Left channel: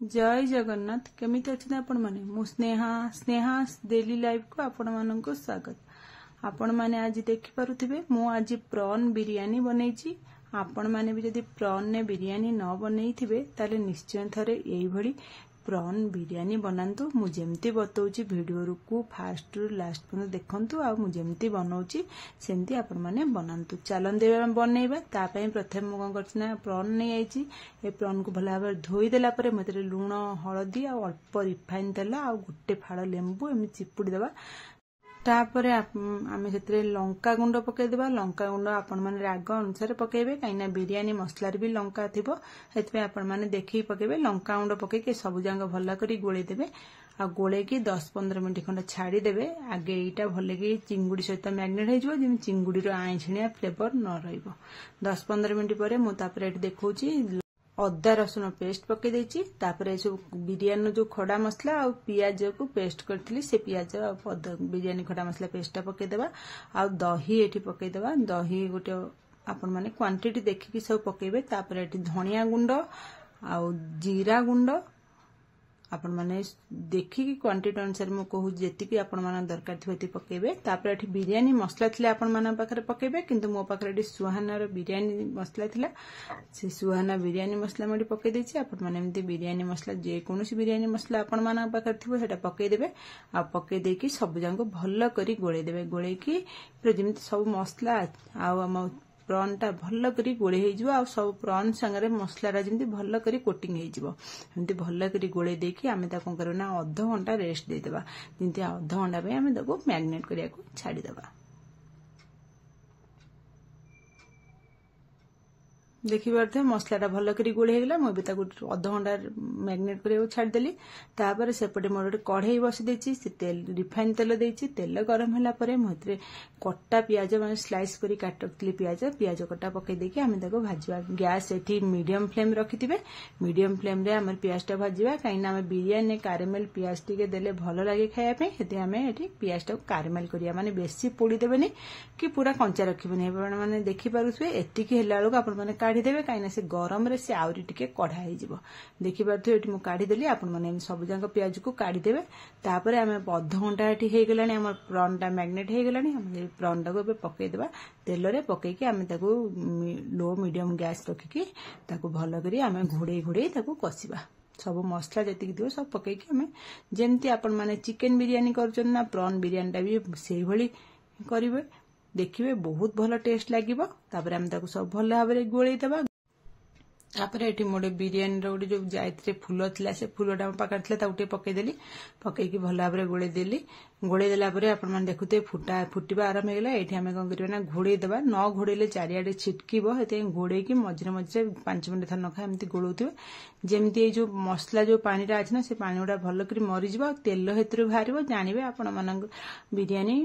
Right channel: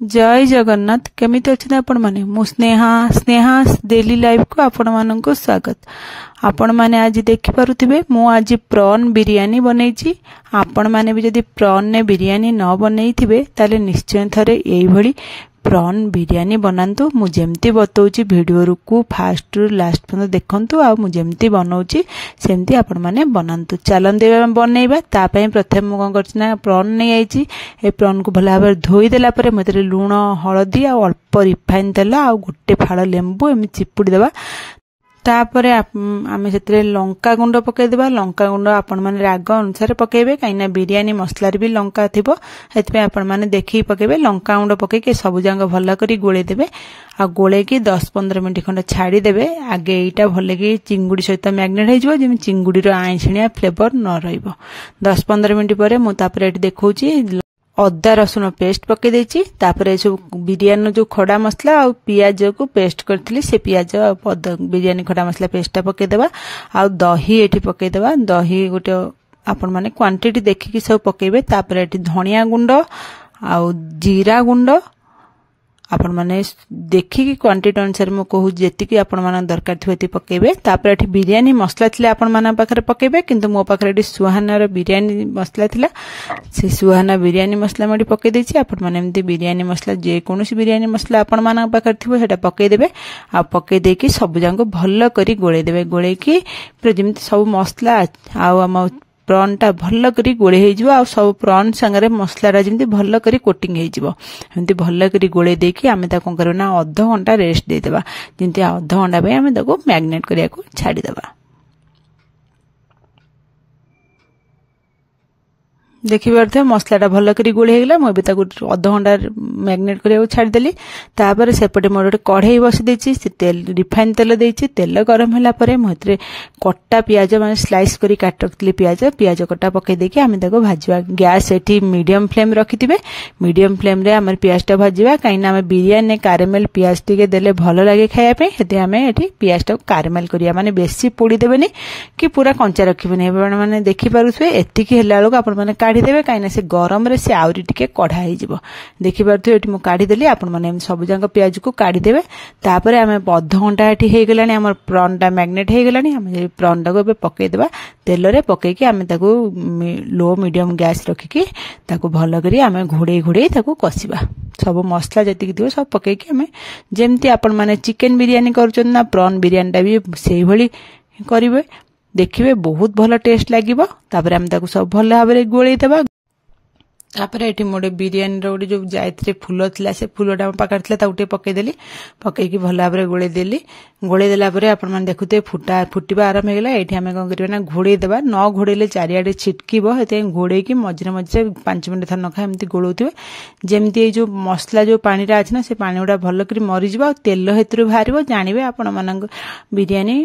जय जगन्नाथ केमिति अच्छे आपण माने मु स्नेहा स्नेहा डेली लाइफ को आपण माननको स्वागत। आपण माने आज देखि पारुथिबे मु आज प्रॉन बिरयानी बनैछि। आपण माने भी जदि प्रॉन ने बिरयानी न बनैथिबे ताले निश्चय थरे एई भली प्रॉन बिरयानी बनांतु। मु जेमती बतौछि वीडियो को फास्ट रु लास्ट पर्यंत देखंतु आ मु जेमती बनौछि सेमती आपण माने बनांतु। चलन देबा बनैबा ता पई प्रथम मु कोन करछि ना प्रॉन नै आइछि। ए प्रॉन को भला भाबे धोई देला परे मते लूण हळदी आ अल्प रिफाइन तेल आ गोटे फाळ लेंबू एमि चिपुडी देबा। तापरे आमे सेतरे लंका गुंड पके देबा। लंका गुंड आपण माने राग अनुसार पकेबे काइना बिरयानी मसला रे भी लंका थिबो हेतपे आपण माने देखि पकेबे। लंका गुंड पके के सब जांग भल्ला करी गोळे देबे आ गोळे की 10-15 मिनिट खंड छाडी देबे। आगे एटा भले की चिंगुडी सहित मैग्नेट हे जिवो जेमि चिंगुडी रो आइछिया फ्लेवर न रहइबो। 10-15 मिनिट परे मु तापरे एटी देखौची अदा रसुण पेस्ट पके देछि। तापरे जो बिरयानी जो खड़ा मसला आ पियाज को पेस्ट करथिली से पियाज बिरयानी खड़ा मसला पेस्टा पके देबा। आ दही एठी पके देबा। दही गोटे आपण माने क्वांटिटी देखि सब पकेबे। तापरे एठी धनिया गुंड आ जीरा गुंड आपण माने देखि की क्वांटिटी अनुसार मु कहू जेति की आपण माने दरकार थेति पकेबे। तापर एठी बिरयानी मसला थिले आपण माने पाखरे पकेबे किंतु मो पाखरे एठी सुहाना रो बिरयानी मसला थिला से सुहाना बिरयानी मसला मडी पके देछि। आपण माने एमती बिरयानी मसला जे कोनोसी बिरयानी मसला आपण माने पाखरे थिबो हेटा पके देबे। आ पके देकी सब जांको भल्ल करी गोळे देबे। गोळे की पूरा जेमती सब मसला आ हम प्रॉन टा भल्ल करी गोळे हे जिवो आ सब प्रॉन संगरे मसला रा जेमती भल्ल करी कोटिंग हे जिवो। एमती भल्ल करी गोळे देकी आमे ता कोन करबो ना आधा घंटा रेस्ट दे देबा। जेमती आधा घंटा पे आमे ताको मैग्नेट करिया को छाडी देबा। देखि परथे मसलाटा भल्ल करी गोळे हेगला मु बे ताको आधा घंटा मैग्नेट करिया को छाडी देली। तापर सेपटे मोर गोटे कढ़ाई बसी देछि से तेल रिफाइन तेल देछि। तेल गरम होला परे मथरे कट्टा पियाज माने स्लाइस करी काट रखली पियाज कट्टा पके देके आमे ताको भाजवा। गैस एठी मीडियम फ्लेम रखिथिबे। मीडियम फ्लेम रे हमर पियाजटा भाजवा काइना हमें बिरयानी कैरेमल पियाज टिके देले भलो लागे खाया पे हेते हमें एठी पियाजटा कैरेमल करिया माने बेसी पोड़ी देबेनी कि पूरा कंचा रखिबेनी। आपण माने देखि पारुथबे एतिकी हेला लोक आपण माने काढी देबे काइना से गरम रे से आउरी टिके कढ़ा हे जिवो। देखि पारुथबे एठी मु काढी देली। आपण माने सब जांग पियाज को काढी देबे। तापरे हमें आधा घंटा एठी हे गेलानी हमर प्रॉन टा मैग्नेट हे गेलानी। हम प्रॉन टा को बे पके देबा। तेल रे पके के हमें ताको लो मीडियम गैस रखि के ताको भलो करी हमें घोड़े ताको कसिबा। सब मसला जति दियो सब पके के हमें जेमती आपण माने चिकन बिरयानी करूछन ना प्रॉन बिरयानी टा भी सेही भली करिवे। देखिबे बहुत भलो टेस्ट लागिबो। तापर हम ताको सब भलो भाबरे गोळेई देबा। तापर एठी मोडे बिरयानी रो जो जायत्रे फूल थिला से फूलटा पाकर थिला ताउटे पके देली। पके की भलो भाबरे गोळे देली। गोळे देला परे आपण माने देखुते फुटिबा आरंभ हे गेला। एठी हमें कोन करबे ना घोड़े देबा। न घोड़ेले चारियाडे छिटकीबो हेते घोड़े की मझरे मझरे 5 मिनिट थर नखा एमती गोळौथिबे। जेमती ए जो मसला जो पानीटा अछि ना से पानीडा भलो करी मरि जिवो। तेल हेतरु भारिबो जानिबे आपण मानक बिरयानी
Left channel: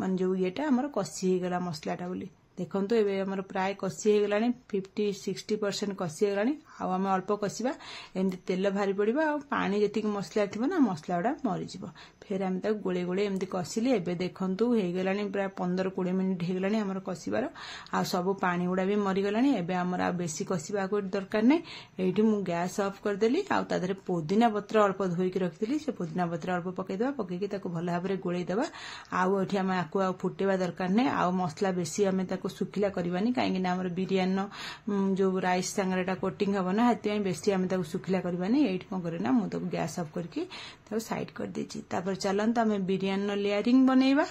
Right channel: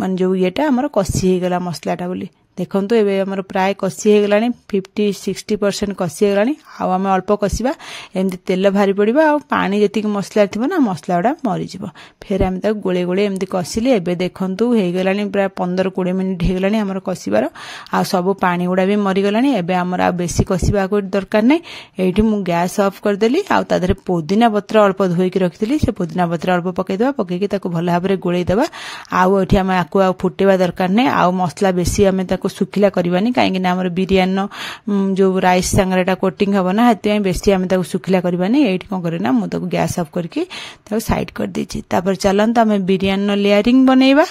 मन जो येटा हमर कसी हे गेला मसलाटा बोली। देखंतु एबे हमर प्राय कसी हे गेलानी 50-60% कसी हे गेलानी। आ हम अल्प कसीबा एमती तेल भारी पड़िबा आ पानी जति मसला थिबो ना मसलाडा मरि जिवो। फेर हम ता गोळे गोळे एमती कसिले। एबे देखंतु हे गेलानी प्राय 15-20 मिनिट हे गेलानी हमर कसीबार आ सब पानी उडा भी मरि गेलानी। एबे हमर आ बेसी कसीबा को दरकार नै। एठी मु गैस ऑफ कर देली। आ तादरे पुदीना पत्र अल्प धोई के रखितली से पुदीना पत्र अल्प पके देबा। पके के ताको भलो भाबरे गोळे देबा। आ एठी हम आकु आ फुटेबा दरकार नै। आ मसला बेसी हमें ताको सुखिला करबानी काहे कि हमर बिरयानी जो राइस संगरेटा कोटिंग हबो ना हेते बेसी हमें ताको सुखिला करबानी। एठी कोन करे ना मु ताको गैस ऑफ करके ताको साइड कर देछि। तापर चलन त हमें बिरयानी लेयरिंग बनेबा।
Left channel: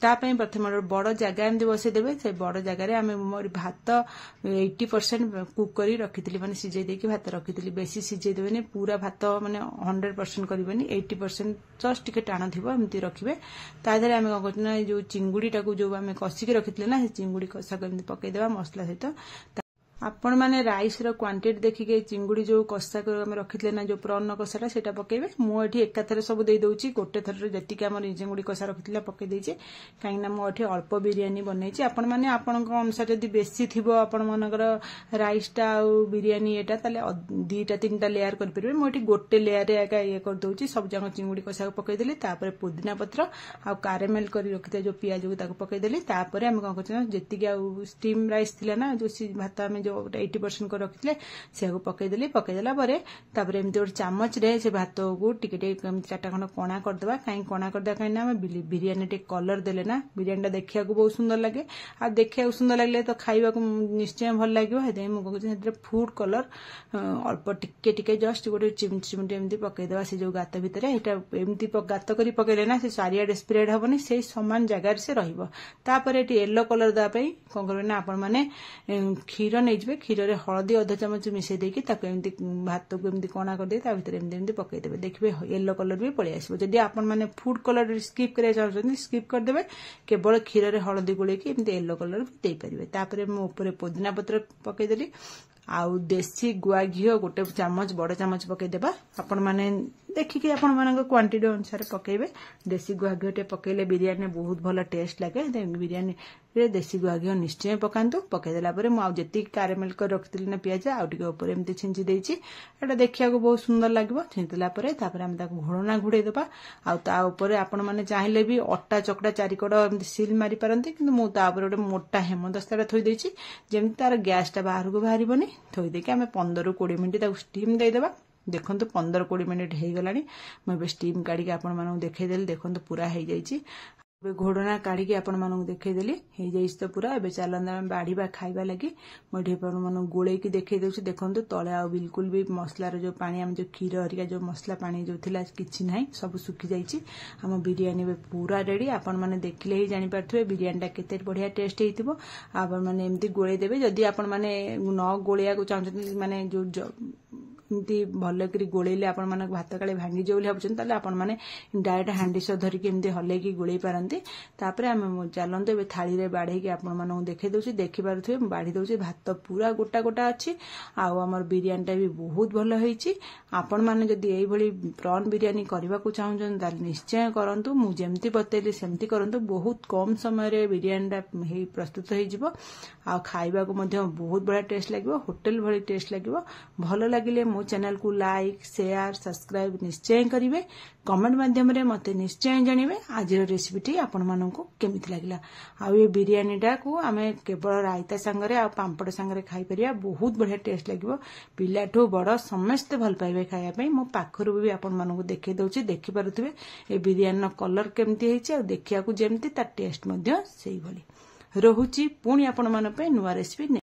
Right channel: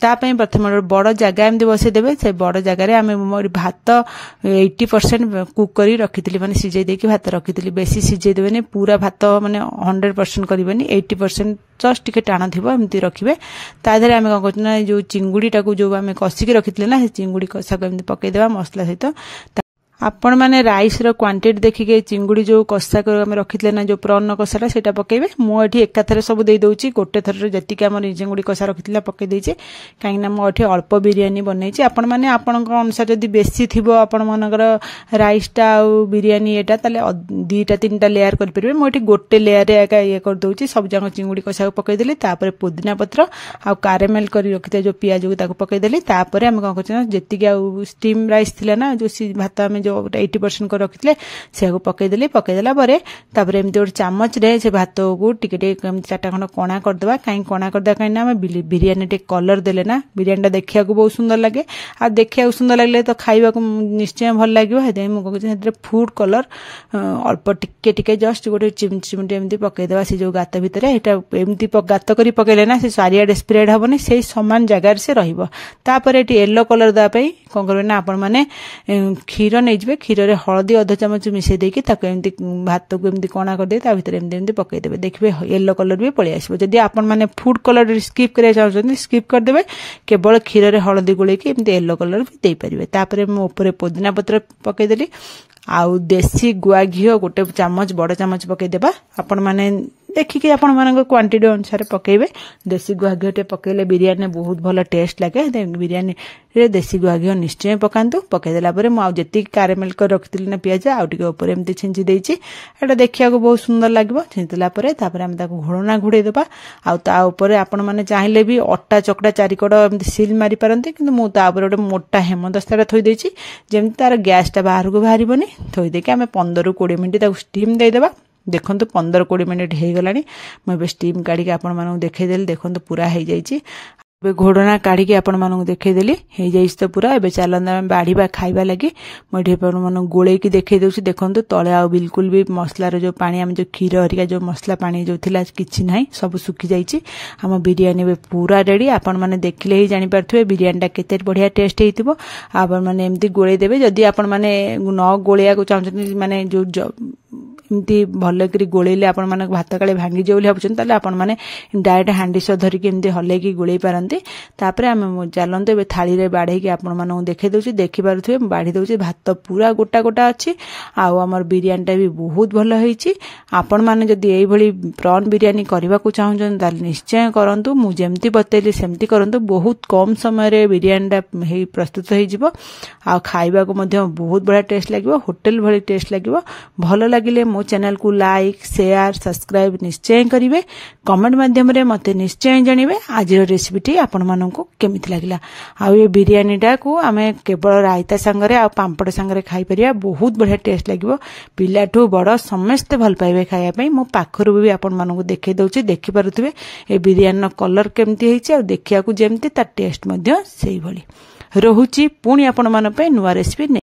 ता पई प्रथम बड़ जगह एमती बसे देबे। से बड़ जगह रे हमें मोर भात 80% कुक करी रखितली माने सिझे देकी भात रखितली। बेसी सिझे देबेनी पूरा भात माने 100% करबेनी 80% जस्ट टिके टाण थिबो एमती रखिबे। ता देरे हमें कोन करना जो चिंगुडी टाको जो हमें कसी के रखितले ना से चिंगुडी कसा को एमती पके देबा मसला सहित। आपण माने राइस रो क्वांटिटी देखि के चिंगुडी जो कसा कर हम रखितले ना जो प्रॉन कसाटा सेटा पकेबे। मु एठी एका थरे सब देई दोउची गोटे थरे जति के हमर चिंगुडी कसा रखितला पके देइचे काहे ना मु एठी अल्प बिरयानी बनैची। आपण माने आपण को अनुसार जदि बेसी थिबो आपण मनकर राइस टा आ बिरयानी एटा ताले 2-3टा लेयर कर परबे। मु एठी गोटे लेयर रे एका ये कर दोउची सब जंग चिंगुडी कसा को पके देली। तापर पुदीना पत्र आ कैरेमल करी रखिते जो पियाज को ताको पके देली। तापर हम कोन करछ ना जति के स्टीम राइस थिला ना जो भात हम जो 80% को रखिले से पकईदेली पकईदेला तापर एमती गोटे चामच रे से भात को टिके चार्टा खंड कणा करदे कहीं कणा करदे कहीं बिरियानी टे कलर देले ना बिरियानी देखा बहुत सुंदर लगे आ देखा सुंदर लगे तो खाइबा निश्चय भल लगे मुझे फूड कलर अल्प टिके टिके जस्ट गोटे चिमटी एमती पकईदेवा से जो गात भितर एमती गात कर पकईले ना से चारिआडे स्प्रेड हेनी से सामान जगार से रहीपर ये येलो कलर देवाई कौन करेंगे ना आपण मैंने क्षीर नहीं क्षीर में हलदी अध चामच मिसई देकी एमती भात को एमती कणा करदे भितर एमती एमती पकईदेवे देखिए येलो कलर भी पलि आसो जदि आपण मैंने फूड कलर स्किप करा चाहते स्किप करदे केवल क्षीर में हलदी गोलेकी एमती येलो कलर भी दे पारे तापर मुझे पुदीना पत्र पकईदेली आउ देसी गुआ घी गोटे चामच बड़ चामच पकईदेवा आपण मैंने देखिकी आपण मान क्वांटिटी अनुसार पकेबे देसी गुआ घी पकेले बिरियानी बहुत भल टेस्ट लगे बिरियानी रे देसी गुआ घी निश्चय पकातु पकईदेला मुझे कारेमेल कर रखी ना पिज आउे एमती छिंची देती एटा देखा बहुत सुंदर लगे छिंचला आम घोड़ना घोड़े देवा आउे आपण मैंने चाहिए भी अटा चकटा चारिकड़ एमती सिल मारी पारती कि मुझे गोटे मोटा हेमदस्ता थोड़ी जमी तार गैसटा बाहर को बाहर थोड़ी आम 15-20 मिनिट स्टीम देदेवा देखो 15-20 मिनिट हो गला मुझे स्टीम काढ़ी आपण मानू देखईदेली देखो पूरा हो जाइए घोड़ना काढ़ी आपण मानू देखईदेली हो जाइए तो पूरा एवं चलते आम बाढ़ा खाइबा लगी मुझे मान गोलैकी देखई दूसरी देखो तले आ बिल्कुल भी मसलार जो पानी आम जो क्षीर हरिका जो मसला पानी जो थिला किछि नाही सब सुखी जाइए आम बिरियानी पूरा रेडी आपण मैंने देखिले ही जानीपारे बिरियानीटा केते बढ़िया टेस्ट होइतिबो आपण मैंने एमती गोलै देबे जदि आपण मैंने न गोलैया को चाहते माने जो एमती भलक गोलैले आपण माने भात काले भांगी जाए भावुं आपण मैंने डायरेक्ट हांडी सह धरिकी एमती हल्लैकी गोलै पारती तापर आम चलते ए थाली रे बाढ़ेकी आपण मानू देखई दूसरी देखिपे बाढ़ी दूसरी भात पूरा गोटा गोटा अच्छी आमर बिरियानीटा भी बहुत भल होइछि आपण माने जदि एई भली प्रॉन बिरियानी करबा को चाहउछन ताल निश्चय करंतु मु जेमती बतैली सेमती करंतु बहुत कम समय रे बिरियानीटा हे प्रस्तुत हो जिवो आ खाइबा को मध्य बहुत बड़ा टेस्ट लागिवो होटल भली टेस्ट लागिवो भल लागिले मो चैनल को लाइक शेयर सब्सक्राइब निश्चय करिवे कमेंट माध्यम रे मते निश्चय जणिवे आज रेसिपीटी आपण माननकु केमिति लागिला आ ये बिरियानीटा को आमे केवल रायता संगरे आ पांपड़ संगरे खाई परिया बहुत बढ़िया टेस्ट लागिवो पिलाठू बड़ समस्त भल पाइबे खाया पई मो पाखरु भी आपण माननकु देखै दउछि देखि पारुथिबे ए बिरियानी कलर केमिति हेछि आ देखिया को जेमति ता टेस्ट मध्य सेही भली रहुछि पुणी आपण मान पे नुवा रेसिपी